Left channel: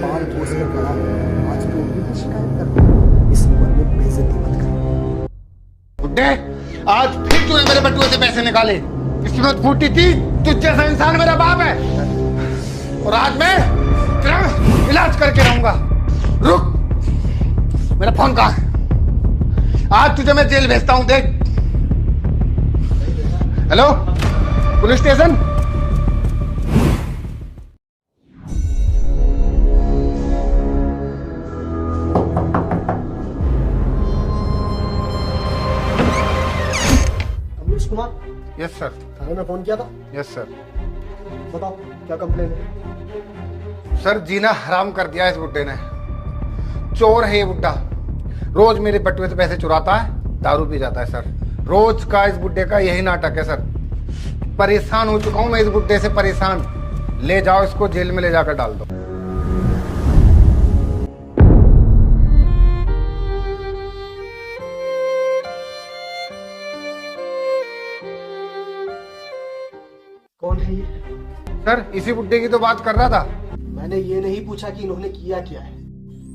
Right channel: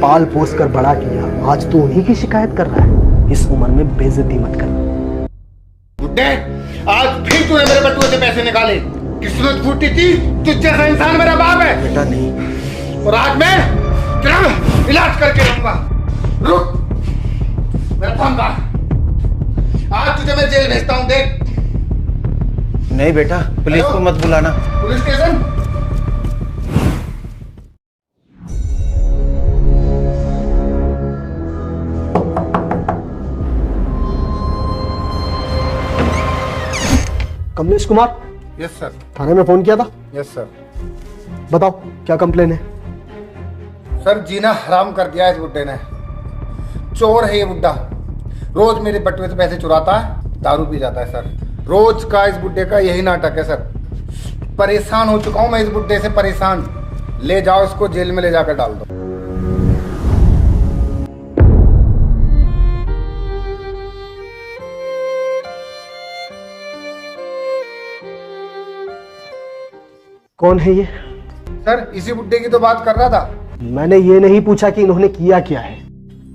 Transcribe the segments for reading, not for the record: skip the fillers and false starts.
पाल पोस कर बड़ा किया, आज तू उन्हीं की शिकायत कर रहा है। इस उम्र में बेइज्जती मत कर। बुड्ढे, आज फिर तूने मेरे बटुए से पैसे निकाले। किस्मत फूटी थी, तुझ जैसा इंसान मेरा बाप है। बेटा नहीं। और आज मैं तेरा इलाज करके रहूंगा। रुक, मेरा फोन कहा। आज तुझे मैं जेल भेजता हूँ, देख। नहीं बेटा, पुलिस को मत बुलाना। Police station? Kamlesh Kumar? Yes sir. थाने में फोन किया था? Yes sir. बताओ क्या कंप्लेन है? सर, जीना हराम कर दिया इस बुड्ढे ने। चोर है ये बुड्ढा। रोज मेरे बटुए से पैसे चुराता है, दारू पी जाता है सर। रोज का इस बुड्ढे का यही नाटक है सर। परेशान हो चुका हूं मैं इस बुड्ढे से, परेशान। ले जाओ इसको, जेल में ले जाकर डाल दो। कौन है ये? सर, इसी बुड्ढे की तो बात कर रहा था। मैंने ये नहीं पूछा कि इन्होंने किया क्या है,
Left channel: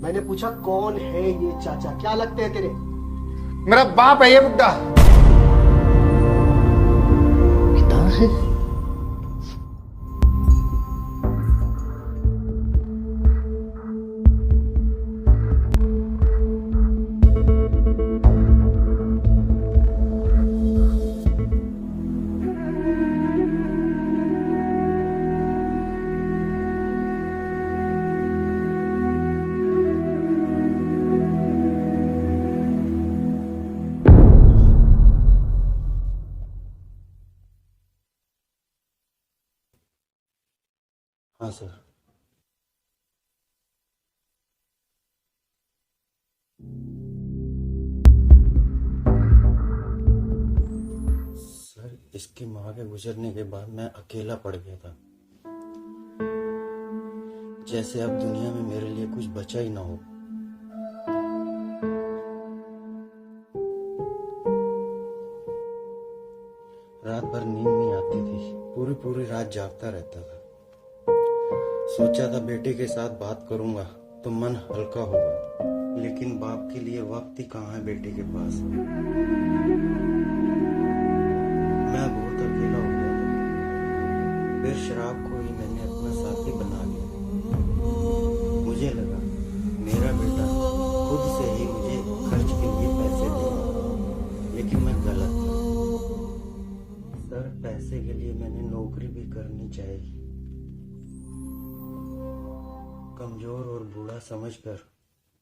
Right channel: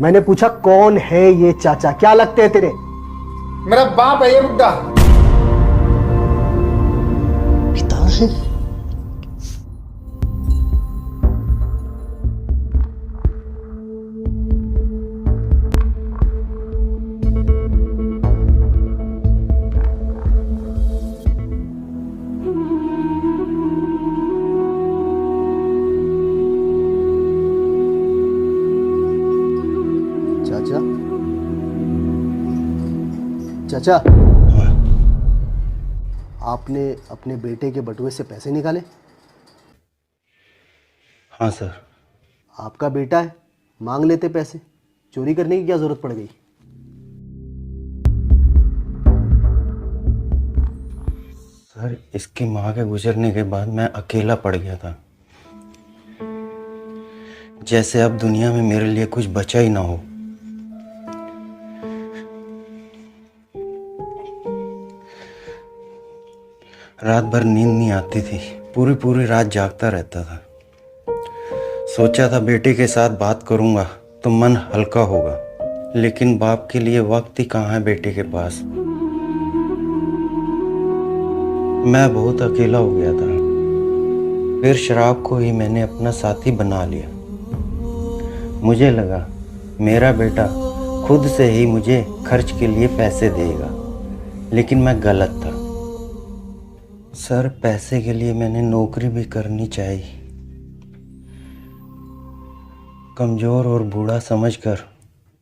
मैंने पूछा कौन है ये चाचा, क्या लगते हैं तेरे? मेरा बाप है ये बुड्ढा। पिता है? चाचा, आपने अपने बेटे के बटुए से पैसे निकाले? हाँ सर। आपका बेटा है, मांग लेते पैसे। चोरी करने की क्या जरूरत पड़ गई? सर, इसकी माँ के गुजरने के बाद मैं अकेला पड़ गया था, जैसे अब दुनिया में मेरे लिए कुछ बचा ही ना हो। रात भर नींद नहीं आती थी, पूरी पूरी रात जागता रहता था। सोचा था बेटे के साथ बात करूंगा तो मन हल्का होगा, लेकिन बाप के लिए वक्त ही कहाँ है बेटे के पास। मैं बहुत अकेला हो गया था। फिर शराब को ही मैंने अपना साथी बना लिया। मुझे लगा मेरा बेटा खुद से ही मुझे खर्च के लिए पैसे देगा, लेकिन मैं गलत था। सर, पैसे के लिए मैंने नौकरी भी करनी चाहिए। कमज़ोर और बूढ़ा समझकर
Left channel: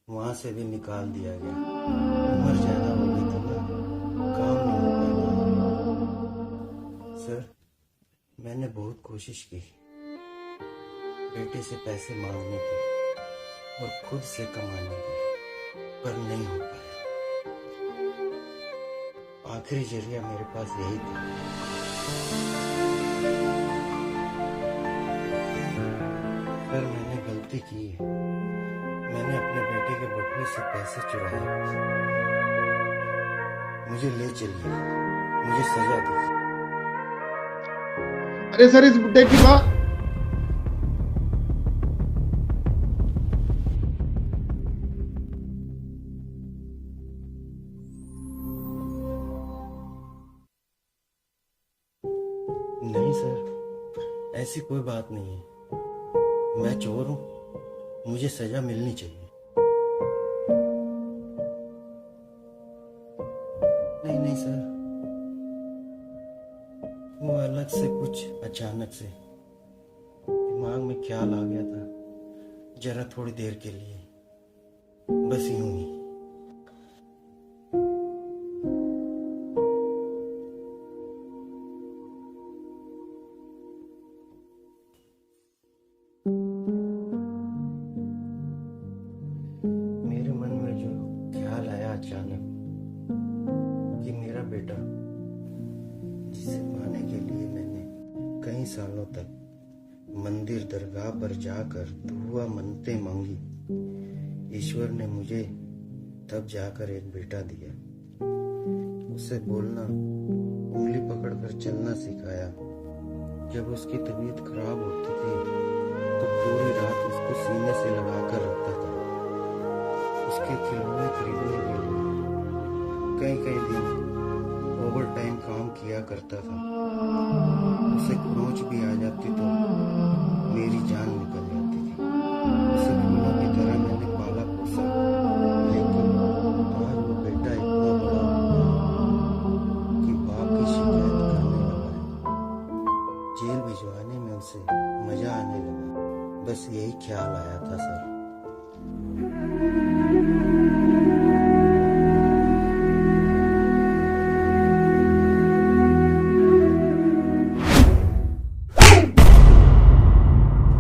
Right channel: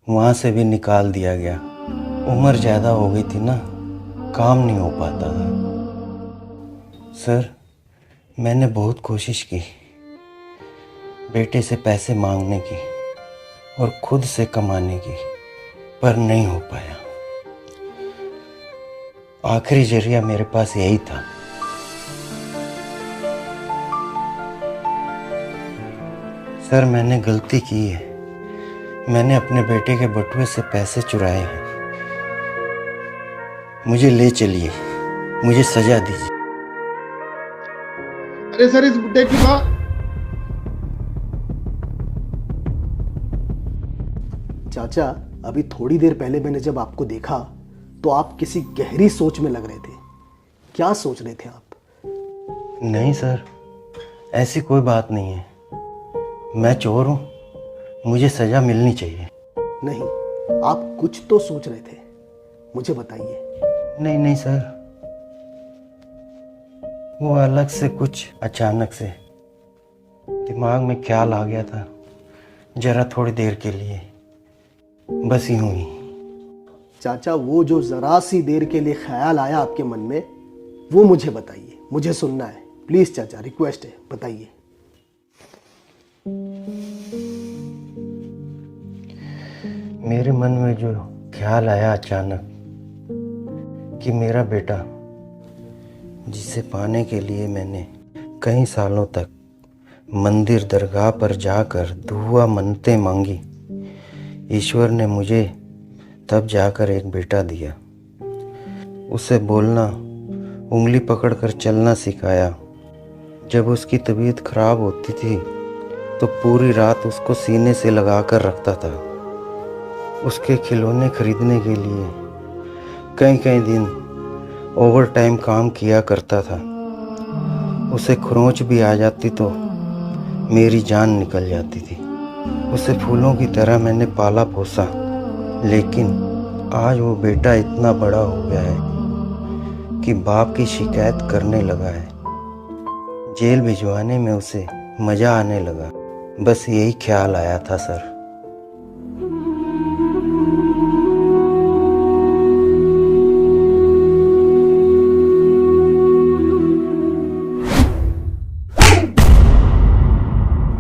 वहाँ से भी निकाल दिया गया। उम्र ज़्यादा हो गई थी ना, काम नहीं हो पाता था। सर, मैंने बहुत कोशिश की बेटे से पैसे मांगने की और खुद से कमाने की, पर नहीं हो पाया। आखिरी जरिया मेरे पास यही था। सर, मैंने गलती की है। मैंने अपने बेटे के बटुए से पैसे चुराए हैं। मुझे ले चलिए, मुझे सजा दीजिए। अरे सर, इस बुड्ढे की बात। चाचा, अभी थोड़ी देर पहले मैंने जब आपको देखा तो आप किसी गहरी सोच में लग रहे थे। क्या सोच रहे थे आप? नहीं सर, ऐसी कोई बात नहीं है। मैं चोर हूँ, मुझे सजा मिलनी चाहिए। नहीं, आप कुछ तो सोच रहे थे, मुझे बताइए। नहीं नहीं सर, वो अलग से कुछ अचानक से दिमाग में ख्याल आ गया था, जरा थोड़ी देर के लिए, बस यूं ही। चाचा, वो जो जरा सी देर के लिए ख्याल आया आपके मन में, वो मुझे बताइए, मुझे सुनना है। प्लीज चाचा, रिक्वेस्ट है, बताइए। मेरे मन में जो ख्याल आया अचानक कि मेरा बेटा, जिसे पाने के लिए मैंने कई सालों तक मंदिर दरगाह पर जाकर दुआ मन्नतें मांगी, ईश्वर ने मुझे तब जाकर एक बेटा दिया। उसे बोलना, उंगली पकड़कर चलना सिखाया। जब उसकी तबीयत खराब होती थी तो पूरी रात उसको सीने से लगा कर रखता था। उसके खिलौने खरीदने के लिए कई कई दिन ओवर टाइम काम किया करता था। उसे खरोंच भी आ जाती तो मेरी जान निकल जाती थी। उसे फूलों की तरह मैंने पाला पोसा, लेकिन आज वो बेटा इतना बड़ा हो गया है कि बाप की शिकायत करने लगा है। जेल भिजवाने में उसे मज़ा आने लगा। बस यही ख्याल आया था सर।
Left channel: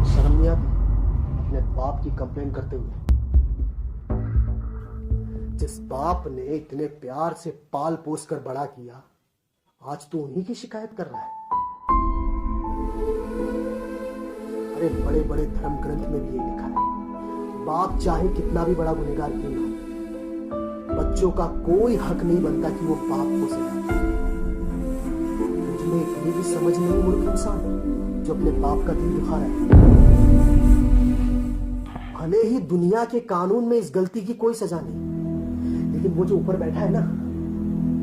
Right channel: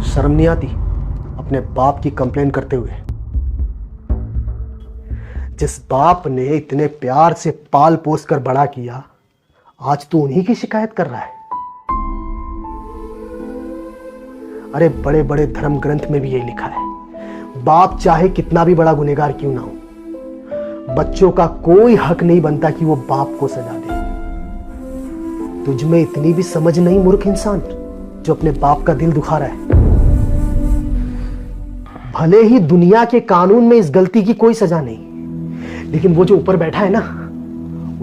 शर्म नहीं आती अपने बाप की कंप्लेन करते हुए? जिस बाप ने इतने प्यार से पाल पोस कर बड़ा किया, आज तू उन्हीं की शिकायत कर रहा है। अरे बड़े बड़े धर्म ग्रंथ में भी यही लिखा है, बाप चाहे कितना भी बड़ा गुनहगार क्यों ना हो, बच्चों का कोई हक नहीं बनता कि वो बाप को सजा दे। तुझ में इतनी भी समझ नहीं मूर्ख इंसान, जो अपने बाप का दिल दुखा रहा है। भले ही दुनिया के कानून में इस गलती की कोई सजा नहीं, लेकिन वो जो ऊपर बैठा है ना,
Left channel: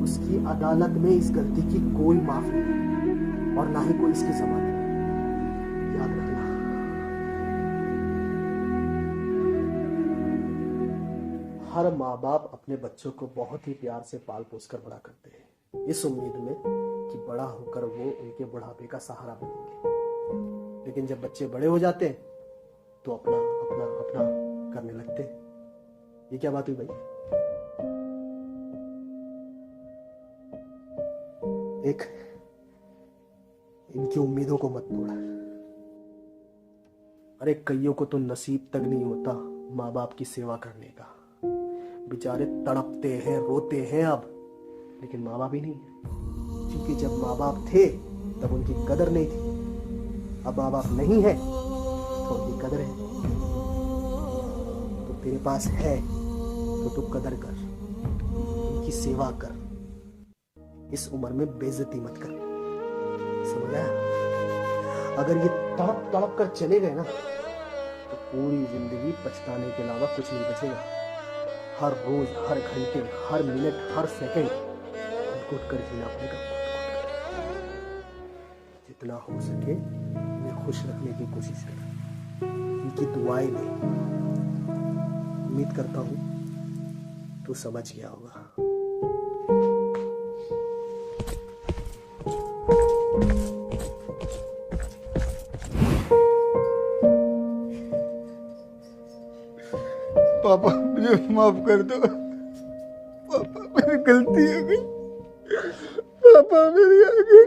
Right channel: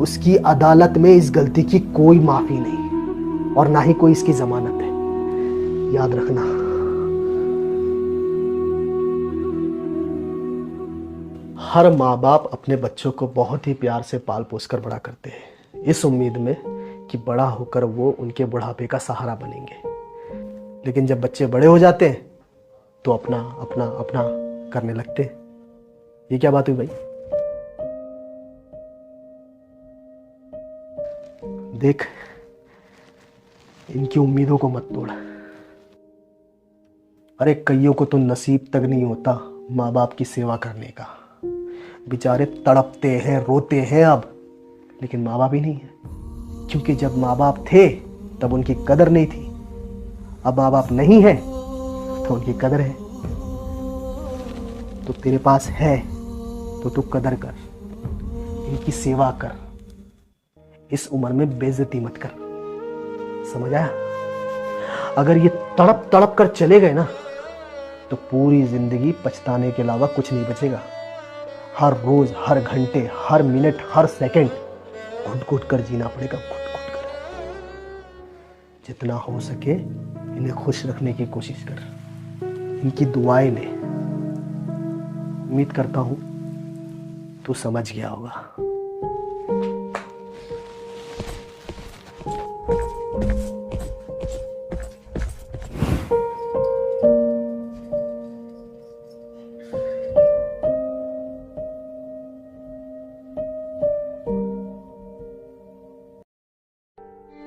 उसकी अदालत में इस गलती की कोई माफी नहीं, और ना ही कोई इसकी जमानत है। याद रखना। हर माँ बाप अपने बच्चों को बहुत ही प्यार से पाल पोस कर बड़ा करते हैं, इस उम्मीद में कि बड़ा होकर वो उनके बुढ़ापे का सहारा बनेंगे। लेकिन जब बच्चे बड़े हो जाते हैं तो अपना अपना अपना करने लगते हैं। ये क्या बात हुई भाई? देख, इनकी उम्मीदों को मत तोड़। अरे कईयों को तो नसीब तक नहीं होता माँ बाप की सेवा करने का। बेचारे तड़पते हैं, रोते हैं अब, लेकिन माँ बाप ही नहीं है। क्योंकि जब माँ बाप थे तब उनकी कदर नहीं थी। अब माँ बाप नहीं है तो उनकी कदर है। तो तेरे पास है तो तू कदर कर, इनकी सेवा कर। इस उम्र में बेइज्जती मत कर, समझ आया? अगर ये तड़प तड़प कर चले गए ना, तो पूरी जिंदगी पछताने के अलावा कुछ नहीं बचेगा। हर रोज, हर घंटे, हर मिनट, हर सेकंड घुट घुट कर जीना पड़ेगा, घुट घुट कर। जितना हो सके इन्हें खुश रखने की कोशिश कर, इनकी दुआएं ले। उम्मीद करता हूं तू समझ गया होगा। पापा मुझे माफ कर दो। पापा मेरी गलती हो गई। पापा मेरी आगे